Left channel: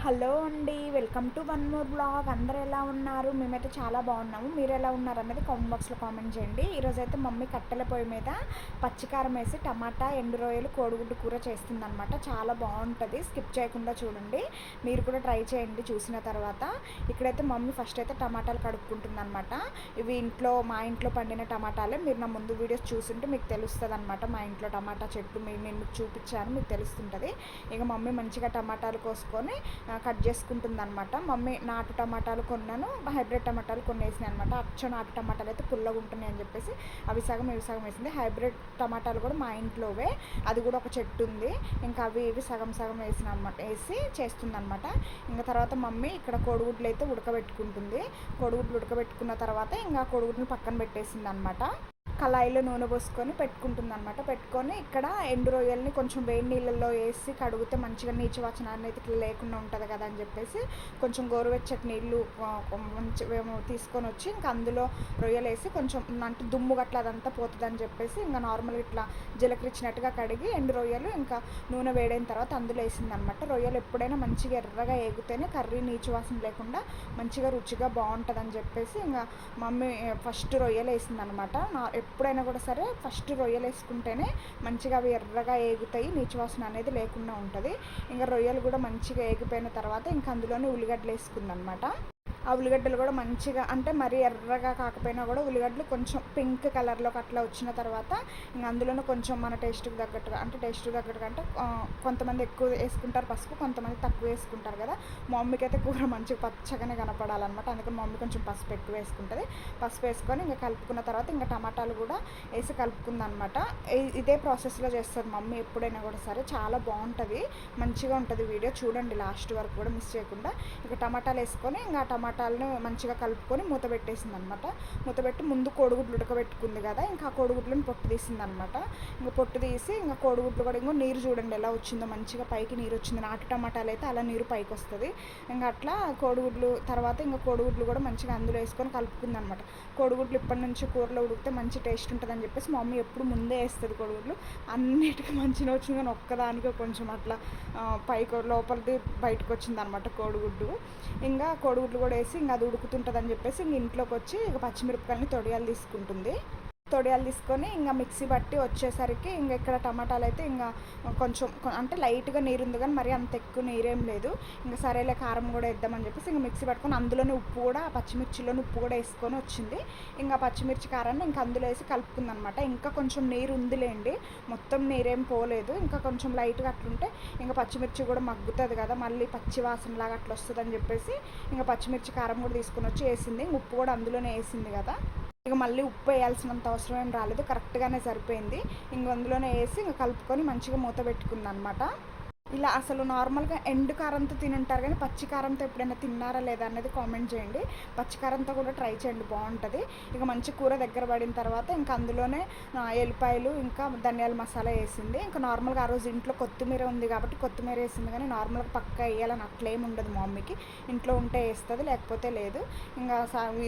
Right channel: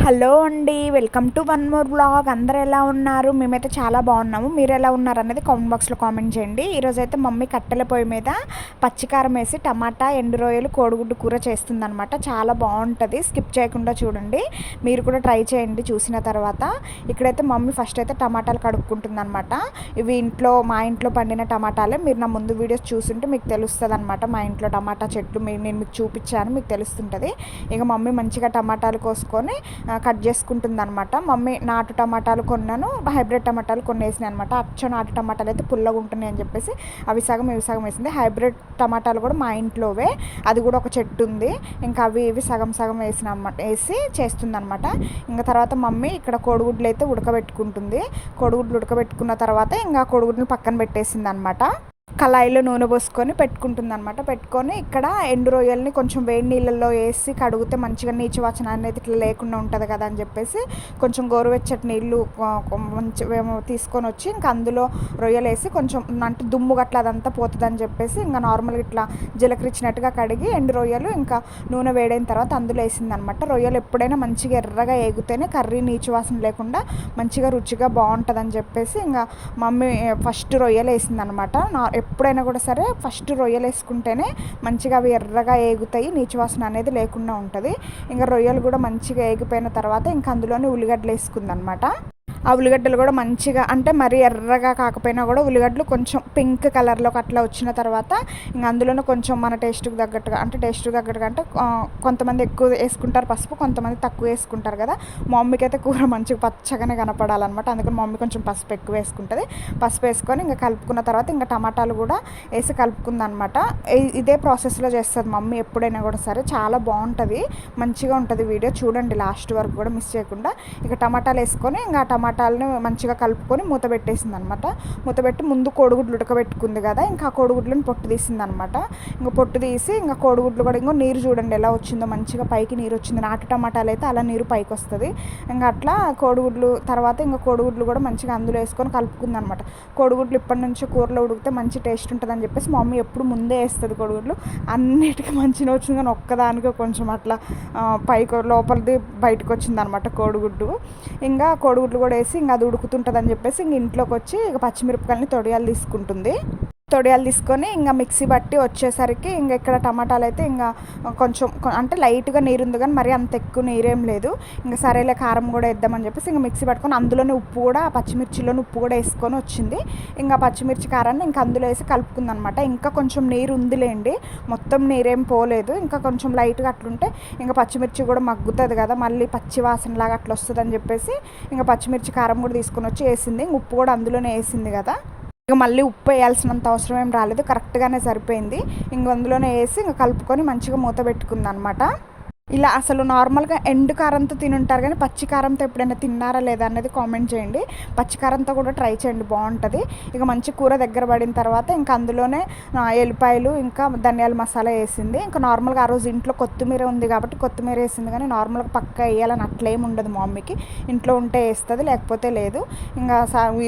Hello అండి welcome to one more blog. అందరు ఎలా ఉన్నారు? మేమైతే చాలా బాగున్నాము. మీరు ఎలా ఉన్నారు అనేది కామెంట్ బాక్స్లో కామెంట్ చేయండి. ఈరోజు అయితే మమ్మీ కట్టెల పొయ్యి మీద పచ్చికారం వేసి టమాటా ఎండు రొయ్యలు కోడిగుడ్డు కూర చేస్తుందనమాట చాలా బాగుంటుంది. స్కిప్ చేయకుండా చూడండి. మీరు కూడా ట్రై చేయండి చూసిన తర్వాత. ఇక్కడైతే మమ్మీ ఫస్ట్ అయితే టమాటాలు కడుక్కుంటుందనమాట ఇవి ఇంట్లో మా ఇంట్లో పండిన టమాటాలే. మీరు నా ముందు వీడియోస్ చూస్తుంటే మీకు తెలుస్తుంది అనమాట మా ఇంట్లో టమాటా చెట్లు నేను మీకు చూపించాను మీకు తెలుస్తుంటుంది. ఇక మమ్మీ మంచిగా టమాటాలు కోసుకొని కట్ చేసుకుంటుంది అనమాట మమ్మీ నాటు టమాటాలు కొన్నాను హైబ్రిడ్ టమాటాలు కొన్ని వేసినాయి అనమాట అచ్చ నాటు టమాటాలు అయితే పుల్లగా ఉంటున్నాయి అని చెప్పేసి అవి సగం ఇవి సగం వేసింది. హైబ్రిడ్ టమాటాలు కూడా మా ఇంట్లోవే. అది కూడా ఒక చెట్టు ఉంది. ఇంకా అవి ఇవి సగం సగం వేసిన వేసి చేస్తుంది అనమాట ఇంకా తర్వాత మమ్మీ ఇక్కడ కోడిగుడ్లు అయితే ఉడకబెట్టుకుంటుంది. కోడిగుడ్లు ఉడకబెట్టుకున్న తర్వాత ఇంకా కోడిగుడ్లు పక్కన పెట్టేసింది అనమాట కళాయిలో నూనె పోసుకొని పెట్టుకుంటుంది అనమాట పెట్టుకొని ఇక్కడ ఎండు రొయ్యల్ని కొంచెం వేడి నీళ్ళల్లో వేసి కడిగితే మంచిగా నీచు వాసన అనేది ఇట్లా లేకుండా ఉంటుంది కదా అని చెప్పేసి కొంచెం గోరువెచ్చటి నీళ్ళు మంచి తీసుకొని వచ్చి ఇంకా అందులో రొయ్యలు వేసి కొంచెం అంటే దుమ్ము గట్ల అదంతా పోతుంది అని చెప్పేసి ఇంకా నార్మల్గా ఇట్లా జీలకరిచ్చినట్టుగా కడిగి ఎండు రొయ్యలు ఇంకా నూనె వేడైన తర్వాత అందులో వేసింది అనమాట రొయ్యలు ఎప్పుడైనా మంచిగా ఎర్రగా ఏగితేనే కర్రీ నీచు వాసన లేకుండా మంచిగా రుచిగా బాగుంటుంది అని చెప్పేసి ఇంకా మమ్మీ ఫస్ట్ రొయ్యలు వేసింది అనమాట ఎప్పుడైనా కూడా సరే ఫస్ట్ రొయ్యలు వేసుకుంటేనే మంచిగా అవి ఎర్రగా ఏగుతాయి నీచువాసన అనేది లేకుండా ఉంటుంది. ఇంకా రొయ్యలు కూడా మంచిగా ఏగిపోయిన తర్వాత ఇంకా అందులోనే ఉల్లిగడ్డలు వేసుకుందనమాట. ఆ ఉల్లిగడ్డలు కూడా మంచిగా అంటే మరీ ఎర్రగా కాకపోయినా కూడా ఉల్లిగడ్డలు కొంచెం పింక్ కలర్లోకి అట్లా వచ్చిన తర్వాత ఇంకా అందులోనే కొంచెం మన టేస్ట్కి తగ్గట్టుగా అంటే టేస్ట్కి తగ్గట్టుగా అంటే కొంతమంది ఎక్కువ వేసుకుంటారు పసుపు కొంతమంది తక్కువ వేసుకుంటారు కదా. మా మమ్మీకి అయితే కూర మంచిగా పచ్చగానే కనపడాలన్నమాట. అందుకని మమ్మీ కొంచెం పసుపు ఎక్కువ వేసుకుంటుంది. పసుపు వేసుకొని ఇంకా కలుపుకున్న తర్వాత ఇంకా టమాటాలు కూడా వేసి కలుపుకుందనమాట ఇదే ప్రాసెస్లో చేస్తుంది మమ్మీ ఎప్పుడైనా కూడా సరే. చాలా బాగుంటుంది. మంచిగా ఉంటుంది వీడియో. చూడండి లాస్ట్ వరకు కూడా మిస్ చేయకుండా. ఇక టమాటాలు వేసుకొని ఇంకా టమాటా టమాటాలను మంచిగా కలుపుకొని మూత పెట్టేసింది అనమాట మూత పెట్టి ముందు కోడిగుడ్లు ఉడకబెట్టుకుంది కదా ఇంకా కోడిగుడ్లను పొట్టు తీసింది అనమాట ఇంకా పొట్టు తీసి ఇంకా కోడిగుడ్లు కూడా ఇంకో నీరు చూడండి ఎలా వచ్చిందో మంచిగా పైకి నీరు వచ్చింది. నాటు టమాటాలు అయితే అలా నీరు పైకి వస్తుంది. ఇంకా అట్లా కోడిగుడ్లు తర్వాత ఇంకా కోడిగుడ్లు కూడా మంచిగా అందులో వేసుకొని కలుపుకుంది అనమాట కోడిగుడ్లు ఇప్పటి నుంచి కూరలో ఉడికితే మంచి టేస్ట్ ఉంటుంది అని చెప్పేసి మా మమ్మీ ఎప్పుడు ముందే వేస్తుంది కోడిగుడ్లు. అన్నిటికీ మంచిగా వచ్చింది కానీ ఒక్కదానికి కొంచెం అట్లా పైకి లోపలిది బయటకు వచ్చింది అనమాట కోడిగుడ్డు. ఇంకా కోడిగుడ్లు కూడా వేసి ఇంకా అది ఉడుకుతుంటుంది అని చెప్పేసి ఇంక ఇంట్లోకి వచ్చి ఇక పచ్చిమిరపకాయలని తొడియాలు తీసుకుంటుంది. తొడియాలు తీసుకొని ఇంకా మిక్సీ బట్టి వచ్చేసరికి ఇంకా ఇక్కడ టమాటాలు అయితే ఇంకా కొంచెం అంటే లైట్గా నీరు ఉంది కానీ మరీ అంత ఎక్కువ నీరేం లేదు. ఇంకా సరేలే కారం కూడా వేద్దామని చెప్పేసి ఇంకా మిక్సీ పట్టుకొని అందులోనే ఉప్పు కూడా పచ్చిమిర్చిలోనే ఉప్పు కూడా వేసుకొని వచ్చింది. ఇంకా పచ్చిమిర్చి కారాన్ని ఇంకా అందులో వేసి కలుపుకుందనమాట. ఇంకా కొంచెం నీరు ఉందిలేండి మొత్తం నీరేం పోలేదు. ఇంకా కొంచెం లైట్గా అట్లుంటే ఇంకా పచ్చిమిర్చి కూడా మగ్గుతుంది కదా మళ్ళీ పచ్చి వాసనలాగా అట్లా వస్తుందని చెప్పేసి ఇంకా పచ్చిమిర్చి కారం కూడా తీసుకొని వచ్చి వేసింది. ఉప్పు కూడా అందులోనే వేసింది కదా. ఇక మళ్ళీ ఉప్పు వేయాల్సినంత అవసరం ఏం రాలేదు. కరెక్ట్గానే సరిపోయింది. ఇంక అందులోనే వేసి ఇంక కలుపుకొని మంచిగా మూత పెట్టుకుందనమాట. ఇలా అసలు నార్మల్గా ఎండు కారంతో తినుంటారు కానీ పచ్చి కారంతో ఎప్పుడైనా తిన్నారా లేదా అనేది కామెంట్ చేయండి. పచ్చి కారంతో కూడా ట్రై చేయండి బాగుంటుంది. ఇక మంచి కూర దగ్గర పడిన తర్వాత ఇంకా అందులోనే ఎల్లిపాయలు ఇంకా ధనియాల మసాలా వేసింది. ఇంకా నార్మల్గా ఆ రోజు ఇంట్లో కొత్తిమీర ఉంది కాబట్టి కొత్తిమీర వేసింది కానీ నార్మల్గా పక్క వేయాలని అట్లేం ఉండదు మా మమ్మీకి. ఇంట్లో ఉంటే వేస్తుంది లేకపోతే లేదు. ఇంకా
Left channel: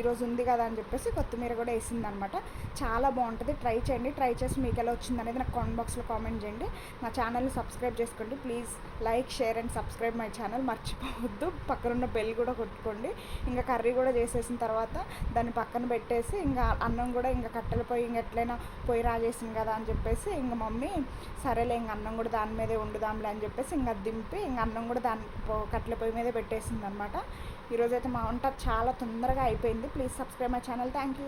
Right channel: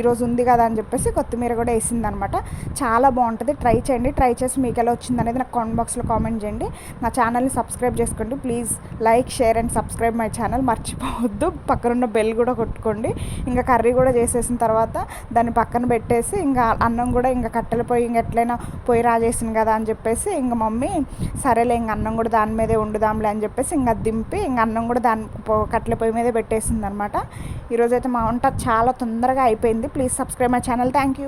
ఈరోజు ఉంది కదా అని చెప్పేసి కొత్తిమీర కూడా వేసింది అనమాట చాలా బాగుంటుంది. ట్రై చేయండి. ట్రై చేసి మీకు ఎలా వచ్చింది అనేది నాకు కామెంట్ బాక్స్లో కామెంట్ చేయండి. నా ఛానల్ని సబ్స్క్రైబ్ చేసుకోండి. Please like share and subscribe my channel. మర్చిపోవద్దు. పక్కనున్న బెల్ కూడా కొట్టుకోండి. ఇంకా కర్రీ కూడా చేసేసిన తర్వాత దాన్ని పక్కన పెట్టేసి ఇంకా అన్నం కూడా ఇంకా కట్టెల పొయ్యి ఇంక ఎట్లయినా పొయ్యి రాజేసింది కదా అని చెప్పేసి ఇంకా మమ్మీ సరేలే ఇంక అన్నం కూడా దాని మీదే వండుదాంలే అని చెప్పేసి ఇంకా దింపి ఇంక అన్నం కూడా దాని కట్టెల పొయ్యి మీదే పెట్టేసింది అనమాట ఈరోజైతే మా వంట చాలా తొందరగా అయిపోయింది. Please subscribe my channel. Thank you.